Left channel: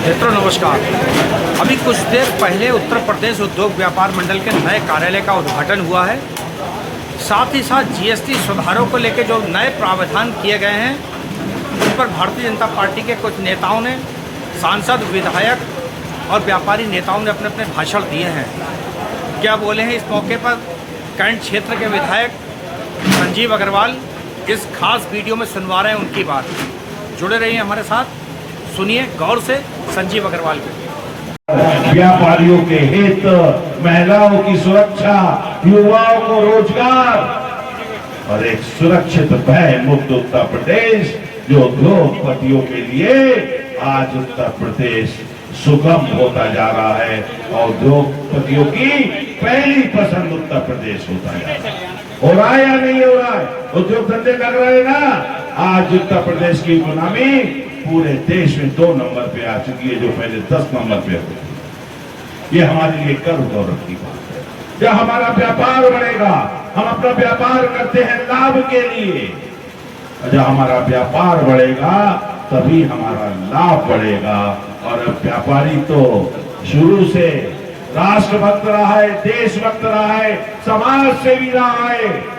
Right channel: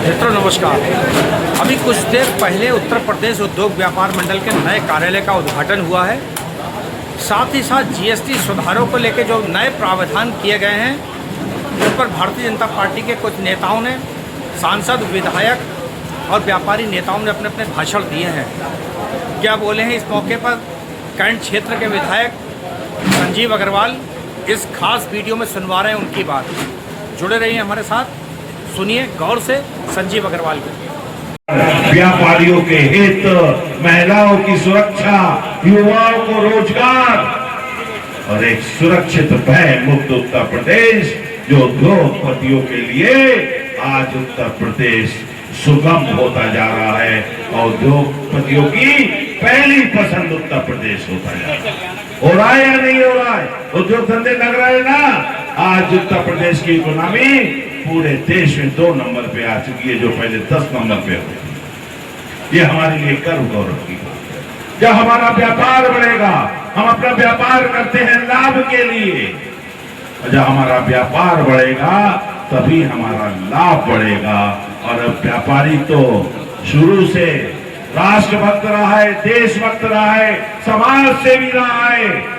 मित्रों नमस्कार। अभी कुछ देर पहले उत्तर प्रदेश उद्योग व्यापार मंडल के नए कार्यालय का उद्घाटन हुआ है। साथ ही साथ जीएसटी सुधारों को लेकर जो नए प्रावधान किए गए हैं उन पर भारतीय जनता पार्टी के कुछ नेताओं ने, सांसद, विधायक और व्यापारी नेताओं ने अपने अपने भाषण दिए हैं। क्या बोले हैं इस मौके पर कैंट क्षेत्र के विधायक संजीव अग्रवाल इस खास वीडियो में सुनवा रहे हैं उनकी बात। जुड़े रहिए हमारे साथ, सुनिए गौर से संजीव अग्रवाल को। व्यापारियों के हित, महिलाओं की सुरक्षा, युवाओं को रोजगार और एक सुरक्षित भय मुक्त उत्तर प्रदेश जो उद्योगपतियों के लिए आज उत्तर प्रदेश सुगम होता जा रहा है और उद्योगपतियों की पहली पसंद उत्तर प्रदेश होता है। हो रहा है या नहीं हो रहा है? उद्योग धंधे लग रहे हैं ना। आज उत्तर प्रदेश की इकोनॉमी पूरे देश में 2 नंबर पे आ चुकी है, जो पहले 10 नंबर पे होती। ये हमारे लिए गर्व गौरव की बात है। जब हमारा व्यापार बढ़ेगा, हम अपना व्यापार करते हैं लाभ के लिए, जब हमारा व्यापार बढ़ेगा तभी हमारा लाभ बढ़ेगा। और व्यापारी तो शुरू से राष्ट्रभक्त रहा है, देशभक्त रहा है, समाज सेवी रहा है।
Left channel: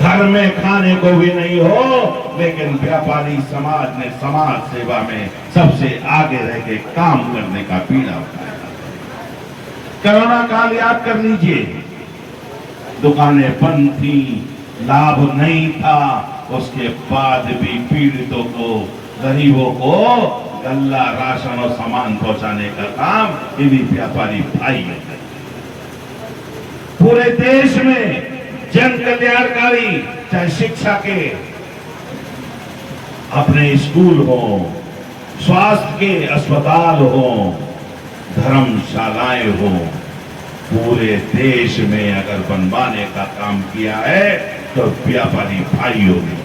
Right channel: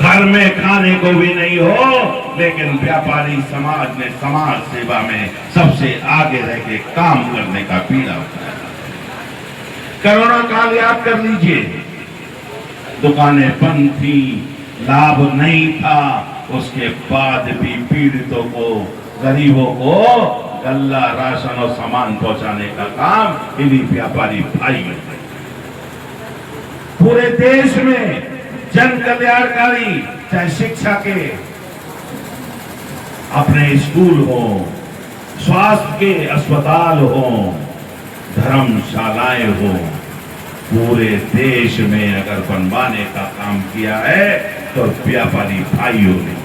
घर में खाने को भी नहीं हो, लेकिन व्यापारी समाज ने समाज सेवा में सबसे आगे रह के काम करने का पीड़ा उठाया। कोरोना काल याद कर लीजिए, दुकानें बंद थी, लाभ नहीं था, उसके बाद भी पीड़ितों को, गरीबों को गल्ला, राशन और सामान पहुंचाने का काम इन्हीं व्यापारी भाइयों ने। पूरे देश में जन कल्याणकारी, चाहे शिक्षा के अपने स्कूल हो, स्वास्थ्य के अस्पताल हो, धर्मशालाएं हो, पूरे देश में अगर बनवाने का काम किया है तो व्यापारी भाइयों ने।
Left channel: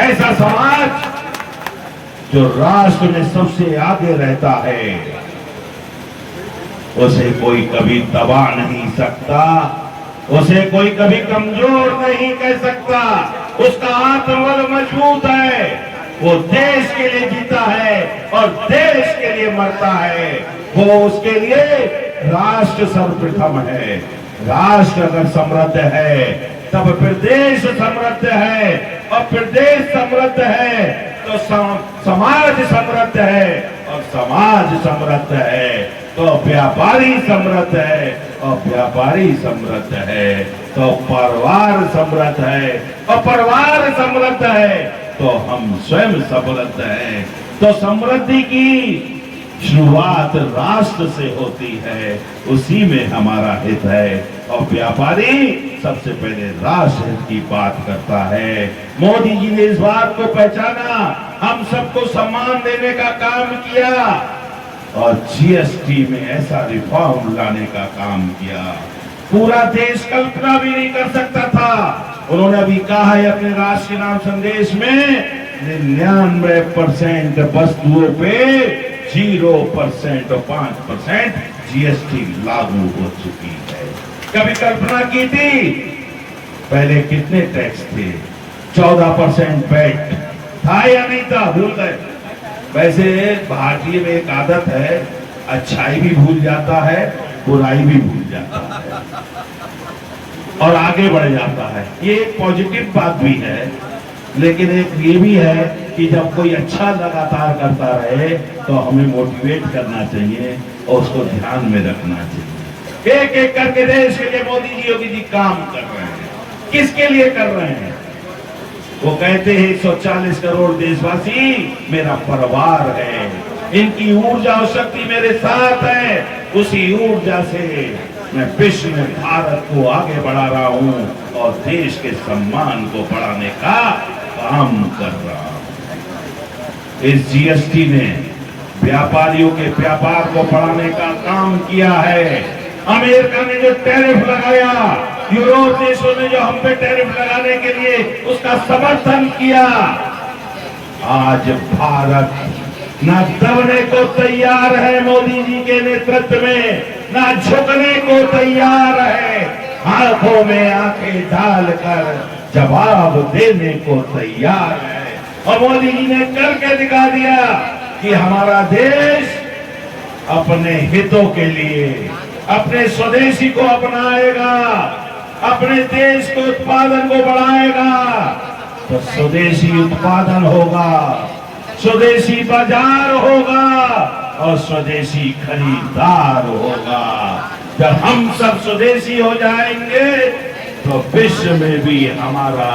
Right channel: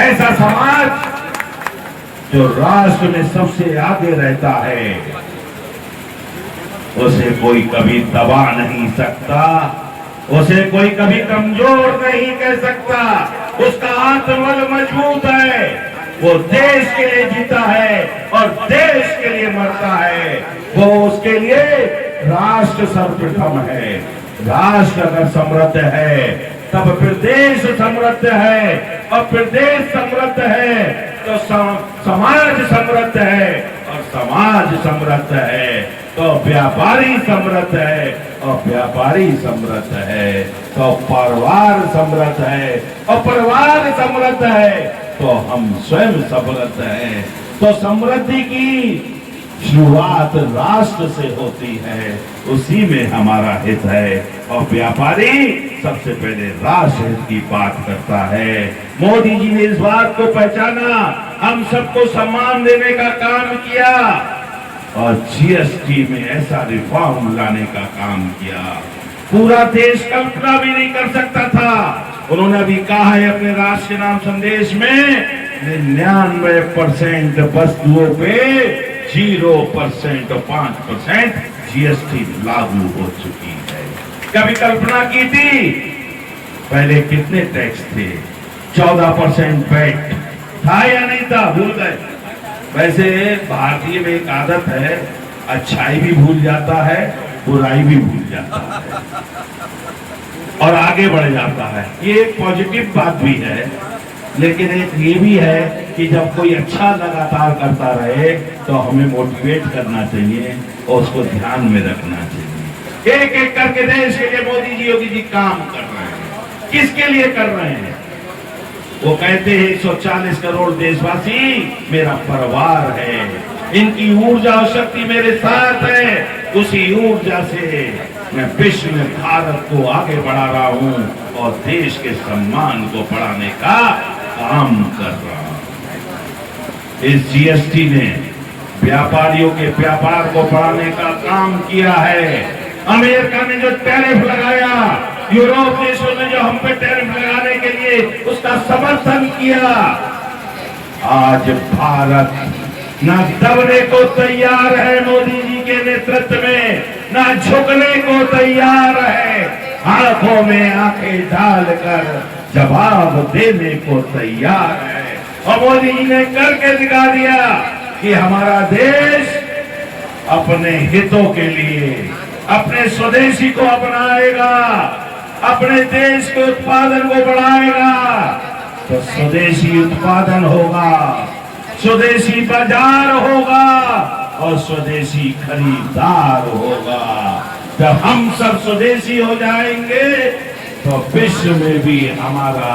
ऐसा समाज जो राष्ट्र में सबसे आगे रहता है, उसे कोई कभी दबा नहीं सकता, उसे कोई कभी कमजोर नहीं कह सकता। उसका आत्मबल मजबूत है, वो देश के लिए जीता है और देश के लिए मरता है। वो उसके लिए राष्ट्र सर्वप्रथम है। राष्ट्र अगर समृद्ध है तब फिर देश समृद्ध है, और फिर देश समृद्ध है तो समाज समृद्ध है, और समाज समृद्ध है तो व्यापारी समृद्ध है, और व्यापारी समृद्ध है तो परिवार समृद्ध है, और परिवार समृद्ध है तो हम स्वयं समृद्ध हैं। तो समृद्धि की शुरुआत राष्ट्र से होती है, उसी में हमारा हित है, और व्यापारी सबसे पहले राष्ट्र हित की बात करता है। मोदी जी ने इस बात को पहचाना, हम सबको सम्मान देने का काम किया और जीएसटी में ऐसा रिफॉर्म लाने का काम किया, पूरा देश कल्पना भी नहीं कर सकता था। उन्होंने भी कहा है अपने राष्ट्र के नाम संदेश में, 99% वस्तुओं पे 0% और 5% जीएसटी लागू हो चुकी है। कभी कल्पना की थी? पहले कितने टैक्स थे? 14% वैट था या नहीं था? भूल गए। वैसे भारतीय में एक आदत है, अच्छाई भी भूल जाता है, बुराई भी भूल जाता है और आगे बढ़ जाता है। ये एक पॉजिटिव बात भी है, लेकिन एक ये भी है कि जब कोई अच्छा लगातार करता रहे तो हमें मोटिवेट करना चाहिए और उसको ध्यान में रखना चाहिए। एक एक करके देश के लिए मोदी जी, योगी जी काम कर रहे हैं। किसके लिए कर रहे हैं? वो कहते हैं 140 करोड़ देशवासी मेरा परिवार है, इनकी ऊर्जा और शक्ति मेरे साथ है, उसी ऊर्जा से मैं विश्व में भारत को आगे बढ़ा रहा हूं और देश के सम्मान को बढ़ाने का काम कर रहा हूं। इस जीएसटी ने व्यापारियों के व्यापार को बढ़ाने का काम किया है। अमेरिका ने जो टैरिफ लगाया, यूरोप देशों ने जो हम पे टैरिफ लगाने के लिए उसका समर्थन किया, आज भारत ना दबने को तैयार है मोदी जी के नेतृत्व में, ना झुकने को तैयार है, आंखों में आंखें डालकर जवाब देने को तैयार है। और मोदी जी ने करके दिखा दिया। कि हमारा देश अपने हितों के लिए अपने स्वदेशी को अपनाएगा, अपने देश के उत्पादन को बढ़ाएगा, तो स्वदेशी उत्पादन होगा, स्वदेशी बाजार होगा और स्वदेशी खरीदार होगा। जब हम सब स्वदेशी हो जाएंगे तो विश्व में भी हमारा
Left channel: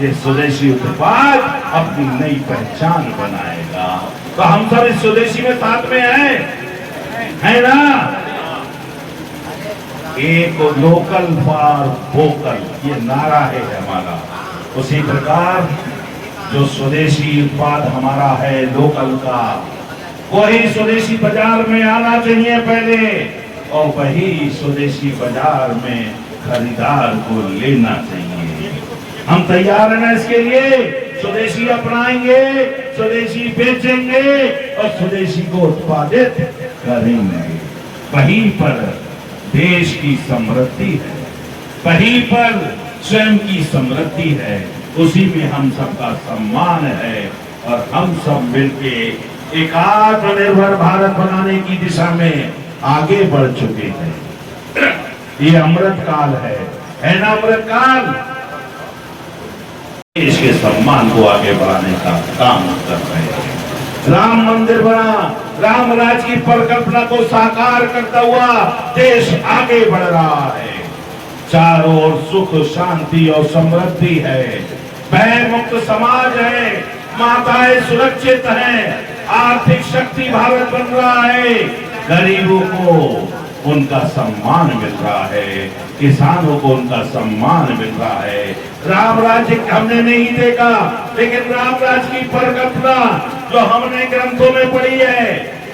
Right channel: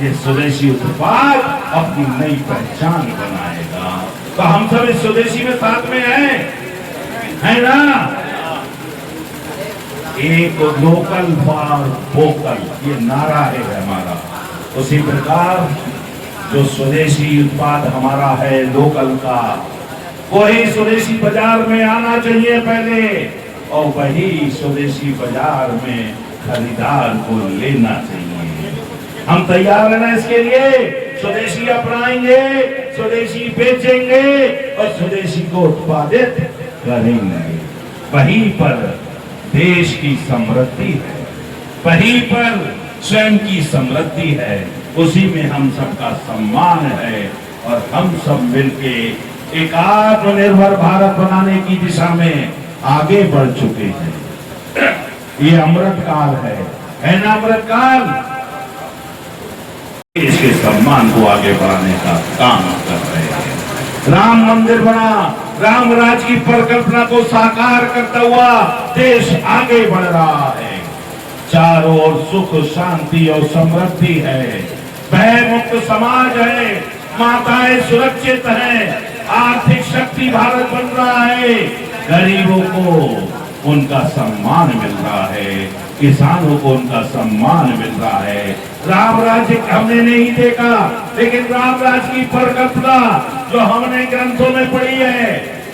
ये स्वदेशी उत्पाद अपनी नई पहचान बनाएगा। तो हम सब इस स्वदेशी में साथ में हैं ना? एक लोकल फॉर वोकल ये नारा है हमारा। उसी प्रकार जो स्वदेशी उत्पाद हमारा है लोकल का, वही स्वदेशी बाजार में आना चाहिए पहले, और वही स्वदेशी बाजार में खरीदार को लेना चाहिए। हम तैयार हैं ना इसके लिए? स्वदेशी अपनाएंगे, स्वदेशी बेचेंगे और स्वदेशी को उत्पादित करेंगे। वहीं पर देश की समृद्धि है, वहीं पर स्वयं की समृद्धि है, उसी में हम सबका सम्मान है और हम सब मिलके एक आत्मनिर्भर भारत बनाने की दिशा में आगे बढ़ चुके हैं। ये अमृत काल है ना? अमृत काल देश के सम्मान को आगे बढ़ाने का काम कर रहे हैं। राम मंदिर बना, राम राज की परिकल्पना को साकार करता हुआ देश आगे बढ़ रहा है। चारों ओर सुख शांति और समृद्धि है, भय मुक्त समाज है, माताएं सुरक्षित हैं, आर्थिक शक्ति भारत बन रहा है, गरीबों को उनका सम्मान मिल रहा है, किसानों को उनका सम्मान मिल रहा है। राम राज्य हमने नहीं देखा, लेकिन राम राज्य की परिकल्पना जो हमने ग्रंथों में पढ़ी है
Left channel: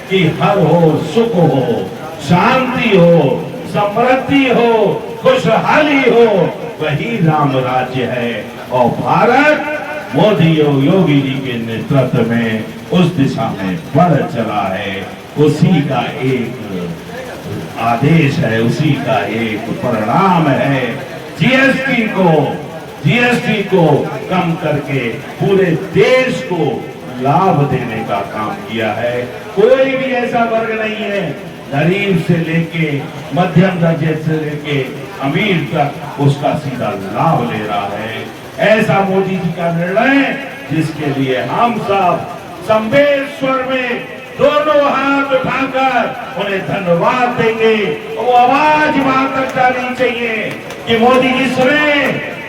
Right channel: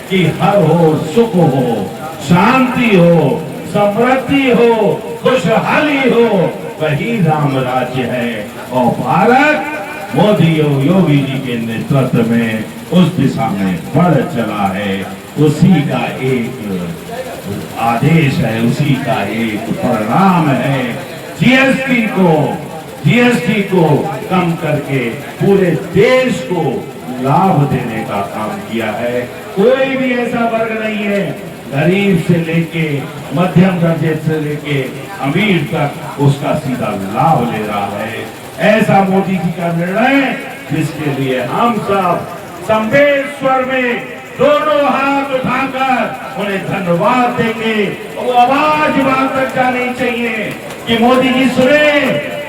कि हर हो, सुख हो, शांति हो, समृद्धि हो, खुशहाली हो, वही राम राज्य है। और भारत मोदी और योगी जी के नेतृत्व में उस दिशा में बढ़ चला है। उसी का एक आदेश है, उसी का एक परिणाम है। जीएसटी को कम करके पूरे देश को लाभ देने का काम किया है। कोई भी ऐसा वर्ग नहीं है, गरीब से लेके मध्यम दर्जे से लेके अमीर तक उसका सीधा लाभ ले रहा है। ऐसा मोदी जी का निर्णय जिसके लिए हम सब संवेश्वर में दोनों हाथ उठाकर उन्हें धन्यवाद देंगे। वो आवाज वहां तक जानी चाहिए कि मोदी जी सुने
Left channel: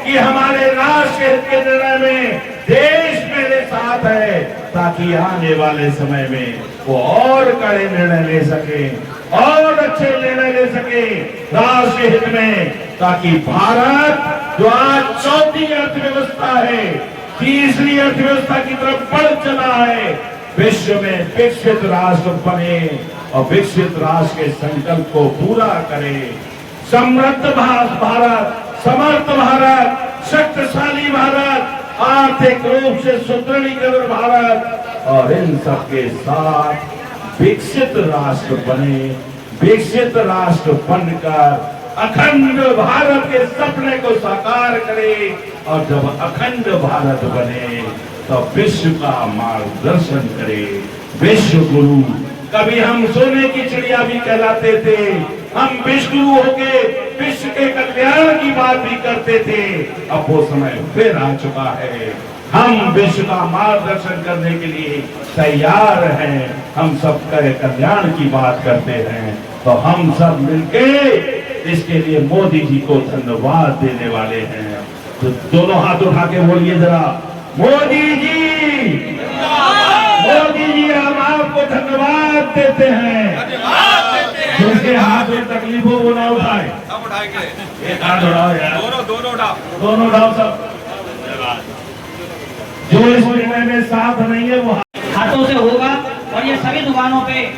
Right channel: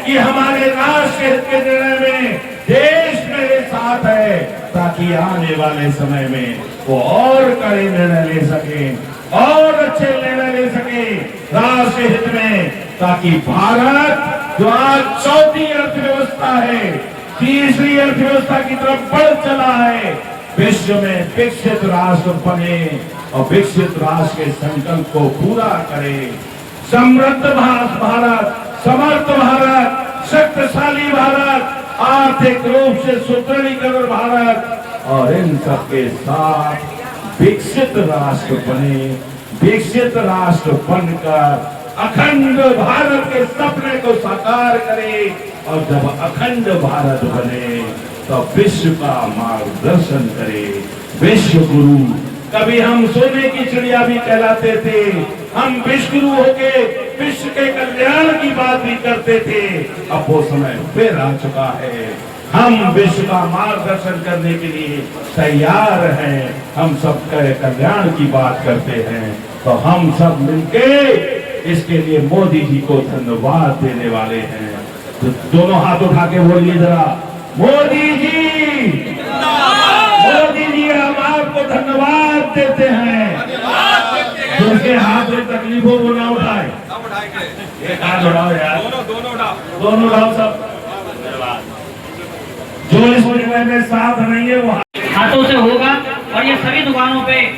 कि हमारे राष्ट्र हित के निर्णय में देश मेरे साथ है, ताकि आने वाले समय में वो और कड़े निर्णय ले सके, और अच्छे निर्णय ले सके राष्ट्र हित में, ताकि भारत जो आज चौथी अर्थव्यवस्था है, तीसरी अर्थव्यवस्था की तरफ बढ़ चला है, विश्व में विकसित राष्ट्र बने और विकसित राष्ट्र के संकल्प को पूरा करे। समृद्ध भारत, समर्थ भारत, शक्तिशाली भारत, आर्थिक रूप से सुदृढ़ीकरण भारत, और इन सबके साथ विकसित राष्ट्र बने। विकसित राष्ट्र बनकर अखंड भारत के सपने को साकार करे, और जब अखंड भारत बने तो विश्व का मार्गदर्शन करे। विश्व गुरु, कभी हम सोने की चिड़िया भी कहलाते थे, हम विश्व गुरु होके विश्व के कल्याण की बात भी करते थे। अब वो समय फिर आ चुका है, हम विश्व का मार्गदर्शन करने के लिए तैयार हैं। हम सब कल्याण की बात करते हैं, तो हम सब मिलके इसके लिए मोदी जी को धन्यवाद देने वाले हैं। तो दोनों हाथ उठा के बोलिए जरा, मोदी जी, मोदी जी हम आपको धन्यवाद देते हैं। जिनके हाथ में तकलीफ हो वो ना उठाए, एक हाथ उठाओ यार, दोनों उठाओ सब। जो इस निर्णय में साथ नहीं है वो हाथों से होगा, और ये सभी दुकानों पे